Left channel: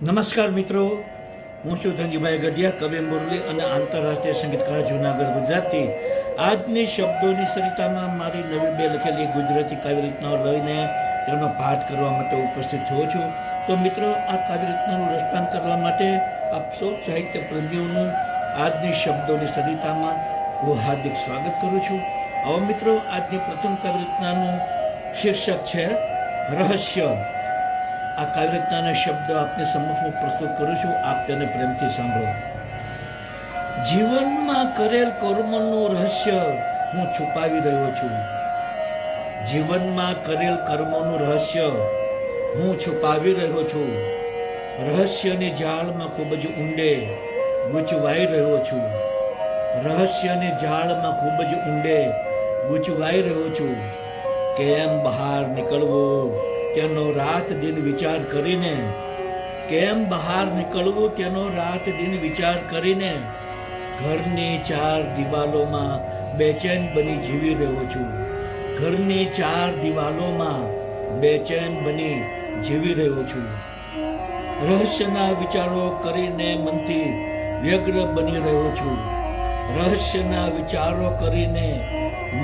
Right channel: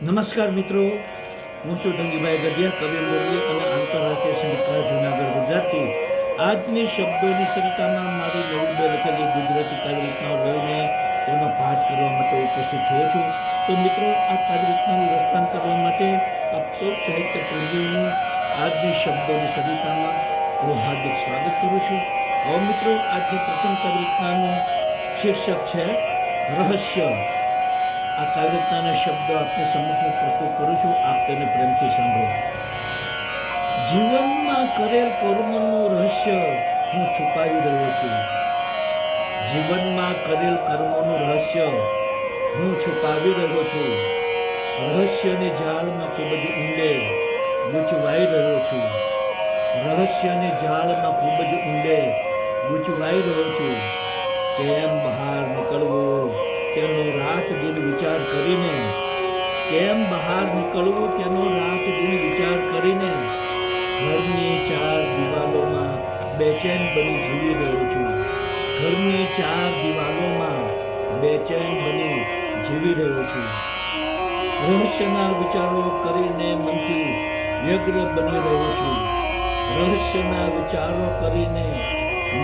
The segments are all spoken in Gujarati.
નમસ્કાર મિત્રો, હું છું ધનજીભાઈ ગઢિયા, કવિ મુરલી અને આંતરરાષ્ટ્રીય સંગીતકાર જૂનાગઢ ગુજરાતથી. આજની શબ્દોની સરિતામાં મારી નવી બે લખેલી ગુજરાતી કાવ્ય રચનાઓ લઈને તેનો પાઠ કરવા માટે ઉપસ્થિત થયો છું. તો મિત્રો, આ કાવ્ય રચનાનું રસપાન કરવા માટે આપ સૌ સાહિત્ય પ્રેમીઓનું આજની શબ્દોની સરિતામાં હું હાર્દિક સ્વાગત કરું છું. આવો મિત્રો, આજની પ્રથમ કાવ્ય રચનાનું શીર્ષક છે રહસ્ય. આ કાવ્યરચનાના શબ્દો આપની સમક્ષ હું પ્રસ્તુત કરું છું, આપ તેને પ્રેમથી સાંભળો. જીવનમાં કરેલ કર્મનું રહસ્ય હું છુપાવી રહ્યો છું. જીવનમાં કરેલ કર્મનું રહસ્ય હું છુપાવી રહ્યો છું. રહસ્યની જાળમાં ખૂબ જ ઊંડે ગૂંચવાઈ રહ્યો છું. રહસ્યની જાળમાં ખૂબ જ ઊંડે ગૂંચવાઈ રહ્યો છું. કેમ બહાર નીકળવું તેનો રાત દિન વિચાર કરીને, કેમ બહાર નીકળવું તેનો રાત દિન વિચાર કરીને, ઘરની ચાર દિવાલોમાં બેચેન બની જીવી રહ્યો છું. ઘરની ચાર દિવાલોમાં બેચેન બની જીવી રહ્યો છું. રહસ્યના વિચારો કરીને મનથી વ્યગ્ર બની રહ્યો છું. રહસ્યના વિચારો કરીને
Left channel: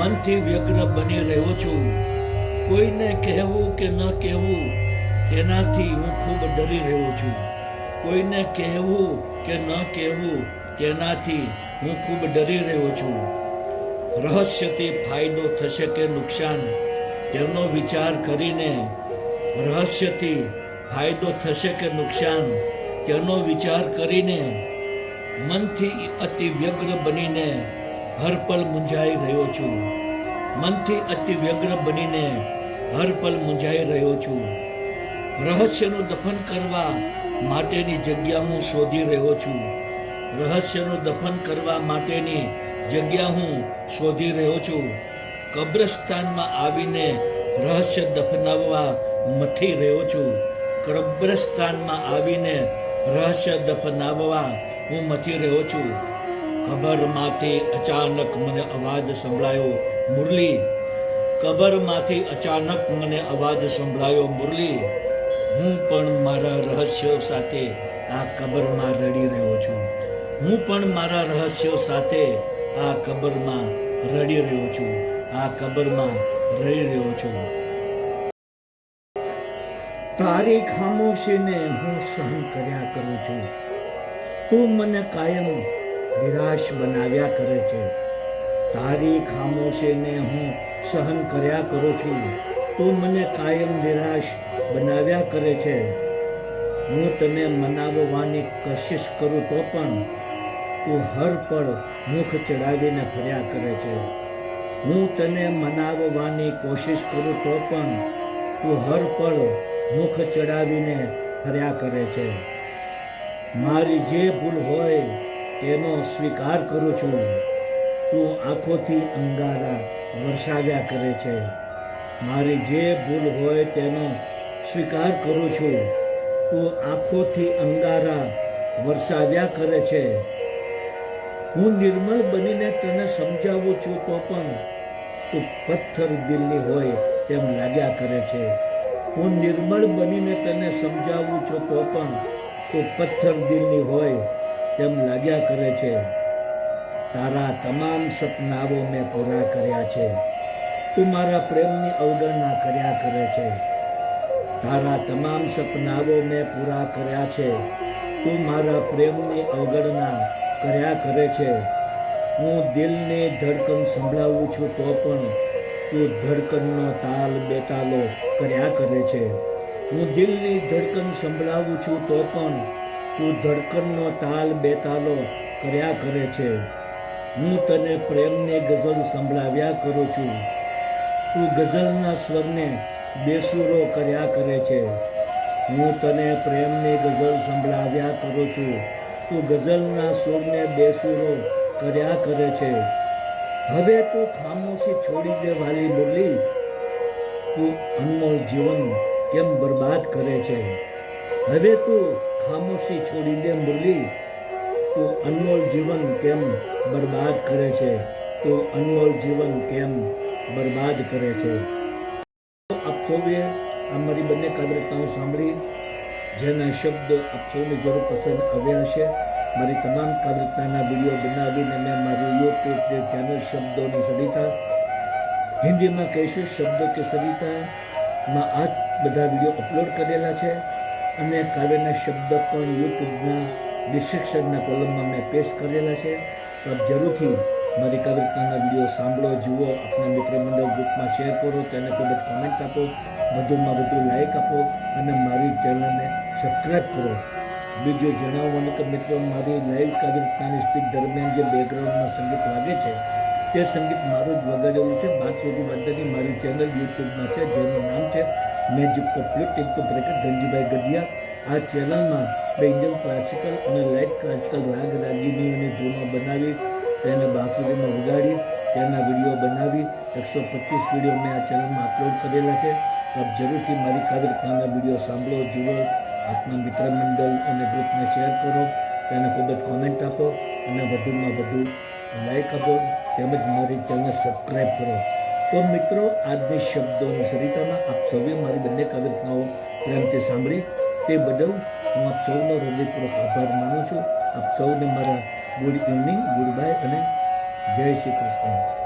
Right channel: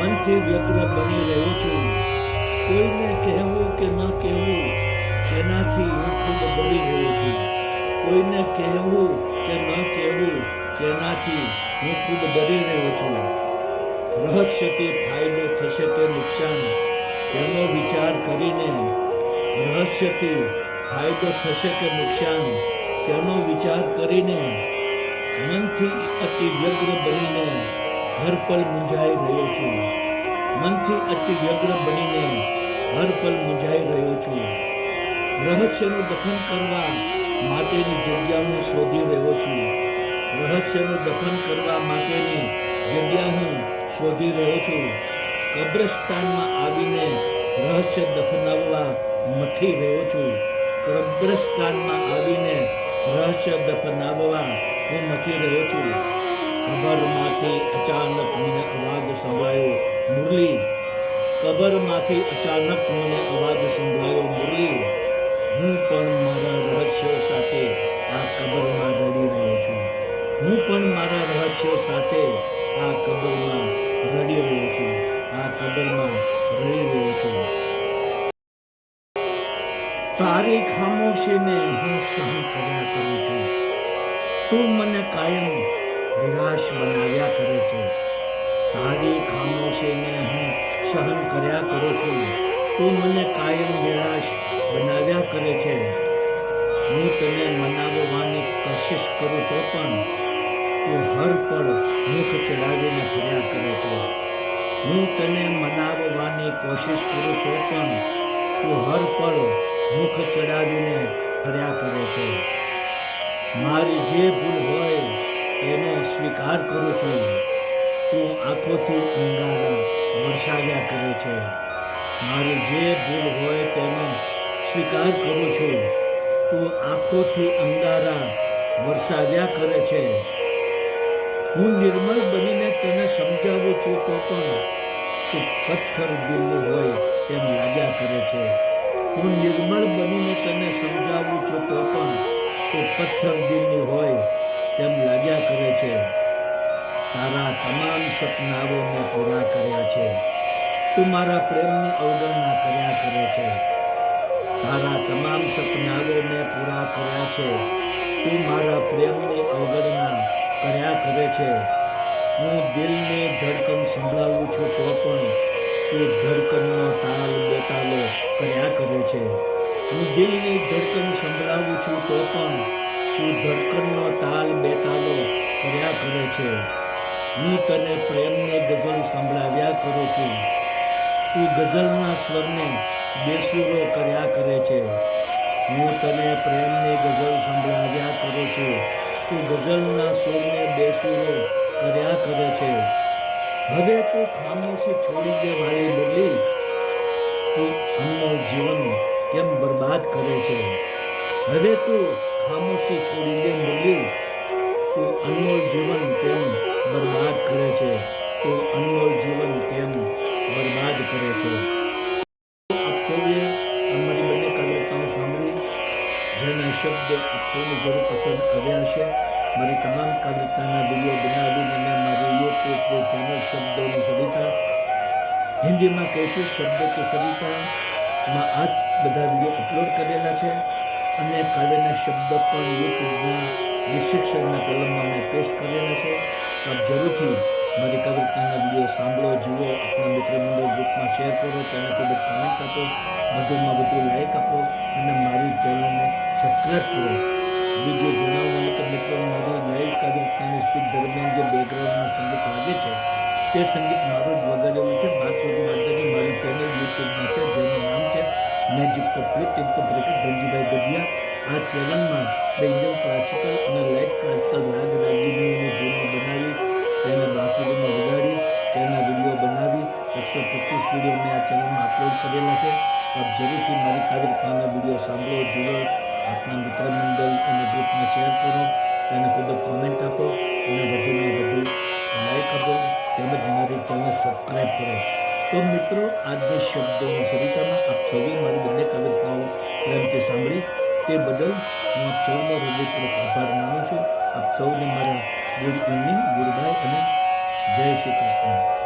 મનથી વ્યગ્ર બની રહ્યો છું. કોઈને કહેવું કે ન કહેવું તેનાથી હું ખૂબ ડરી રહ્યો છું. કોઈને કહેવું કે ન કહેવું તેનાથી હું ખૂબ ડરી રહ્યો છું. રહસ્યથી ફાયદો થશે કે નુકસાન તેનો વિચાર કરીને, રહસ્યથી ફાયદો થશે કે નુકસાન તેનો વિચાર કરીને મનથી અતિ વ્યગ્ર બનીને હર પલ મૂંઝાઈ રહ્યો છું. મનથી અતિ વ્યગ્ર બનીને હર પલ મૂંઝાઈ રહ્યો છું. રહસ્યનું દફન કરવા માટેની જગ્યા હું શોધી રહ્યો છું. રહસ્યનું દફન કરવા માટેની જગ્યા હું શોધી રહ્યો છું. કબ્રસ્તાનમાં આવીને રહસ્ય દફનાવવા મથી રહ્યો છું. કબ્રસ્તાનમાં આવીને રહસ્ય દફનાવવા હું મથી રહ્યો છું. કબરમાંથી અચાનક મને અવાજ સંભળાયો, મુરલી. કબરમાંથી અચાનક મને અવાજ સંભળાયો, મુરલી. હું પણ મારા રહસ્યો સાથે આ કબરમાં રડી રહ્યો છું. હું પણ મારા રહસ્યો સાથે આ કબરમાં રડી રહ્યો છું. આ કબરમાં રડી રહ્યો છું. તારી ખામોશીને હું સહન કર્યા કરું છું. તું મને કાયમ નિરાશ બનાવ્યા કરે છે. તારી ખામોશીને હું સહન કર્યા કરું છું. તું મને કાયમ નિરાશ બનાવ્યા કરે છે. હું તને મનાવવાની કોશિશ કરું તો પણ તું હર પળ મુખ ચડાવીને ફર્યા કરે છે. હું તને મનાવવાની કોશિશ કરું તો પણ તું હર પળ મુખ ચડાવીને ફર્યા કરે છે. મારી જે ભૂલ હોય તેનો સ્વીકાર કરું છું. તું આંખોથી અંગારા વરસાવ્યા કરે છે. મારી જે ભૂલ હોય તેનો સ્વીકાર કરું છું. તું આંખોથી અંગારા વરસાવ્યા કરે છે. હું નિર્મળ બનીને તને સમજાવું છું તો પણ તું પથ્થર દિલની હોય તેમ લાગ્યા કરે છે. હું નિર્મળ બનીને તને સમજાવું છું તો પણ તું પથ્થર દિલની હોય તેમ લાગ્યા કરે છે. તારા તમામ સપનાઓ મેં પૂરા કર્યા છે. તું મારા પ્રેમની અવગણના કર્યા કરે છે. તારા તમામ સપનાઓ મેં પૂરા કર્યા છે. તું મારા પ્રેમની અવગણના કર્યા કરે છે. હું દિલની ધડકન સંભળાવું છું તો પણ તું ધડકનનો તાલ બેતાલો કર્યા કરે છે. હું દિલની ધડકન સંભળાવું છું તો પણ તું ધડકનનો તાલ બેતાલો કર્યા કરે છે. હું તને પ્રેમની ગઝલ સંભળાવ્યા કરું છું. તું ગઝલના સ્વરને બેસુરો કર્યા કરે છે. હું તને પ્રેમની ગઝલ સંભળાવ્યા કરું છું. તું ગઝલના સૂરને બેસુરો કર્યા કરે છે. હવે તું ખામોશી છોડી દે વાલી મુરલી. તું અનમોલ જીવન કેમ બરબાદ કરે છે. હવે તું ખામોશી છોડી દે મુરલી. તું અનમોલ જીવન કેમ બરબાદ કરે છે. તું અનમોલ જીવન કેમ બરબાદ કરે છે. આપ સૌએ અમારી બંને કાવ્યરચનાઓ સાંભળી જેના શબ્દો આપ સૌને જરૂર પસંદ આવ્યા હશે. મારી તમામ કાવ્યતાના વિડીયો બનાવીને મેં મારી યુટ્યુબ ચેનલ શબ્દોની સરિતા, હિન્દીમાં કહીશું શબ્દો કે સરિતામાં આ બધા વિડીયો અપલોડ કરેલા છે. અને કાવ્યના શબ્દ પણ યુટ્યુબના ડિસ્ક્રિપ્શનના કોલમમાં મેં પેસ્ટ કરેલા છે. તો આપ જરૂરથી મારી કાવ્યતાના વિડીયો સાંભળો, જુઓ, આપણા મિત્ર મંડળ ગ્રુપમાં શેર કરો, તેને ખૂબ જ કોમેન્ટ આપો, વધુમાં વધુ લાઈક આપો અને મારી ચેનલને સબસ્ક્રાઈબ કરો. બીજું જણાવવાનું કે મિત્રો, મારી લાઈવ કાવ્યતાની સ્પીચ દરમિયાન જે બેકગ્રાઉન્ડમાં સંગીત લાગે છે તે સંગીત મારું જ વગાડેલું છે. બાંસુરી વાદનની મારી ચેનલ યુટ્યુબમાં છે, જેનું નામ છે magic couplet into bracket Dhanjibhai Gadhiya. આ ચેનલમાં મેં ઇન્ડિયન ક્લાસિકલ અને લાઇટ ક્લાસિકલ રાગ રાગીનીઓની ધૂનો બનાવી તેને બાંસુરીમાં વગાડી તેના વિડીયો બનાવી 125 વિડીયો મેં આ ચેનલમાં અપલોડ કરેલા છે. આપ જરૂરથી મારી કાવ્યતાના વિડીયો સાંભળો, જુઓ, આપના મિત્ર મંડળ અને ગ્રુપને શેર કરો, તેને ખૂબ જ કોમેન્ટ આપો અને વધુમાં વધુ લાઈક આપો, તેમજ મારી ચેનલ સબસ્ક્રાઈબ કરો. તો મિત્રો, આજની શબ્દોની સરિતામાં આપ સૌએ મારી બંને કાવ્યતાઓ પ્રેમથી સાંભળી તે બદલ હું આપ સૌનો હૃદયપૂર્વક આભાર માનું છું. આપ સૌને મારા ગુડ ઇવનિંગ, ગુડ બાય અને જય શ્રી કૃષ્ણ.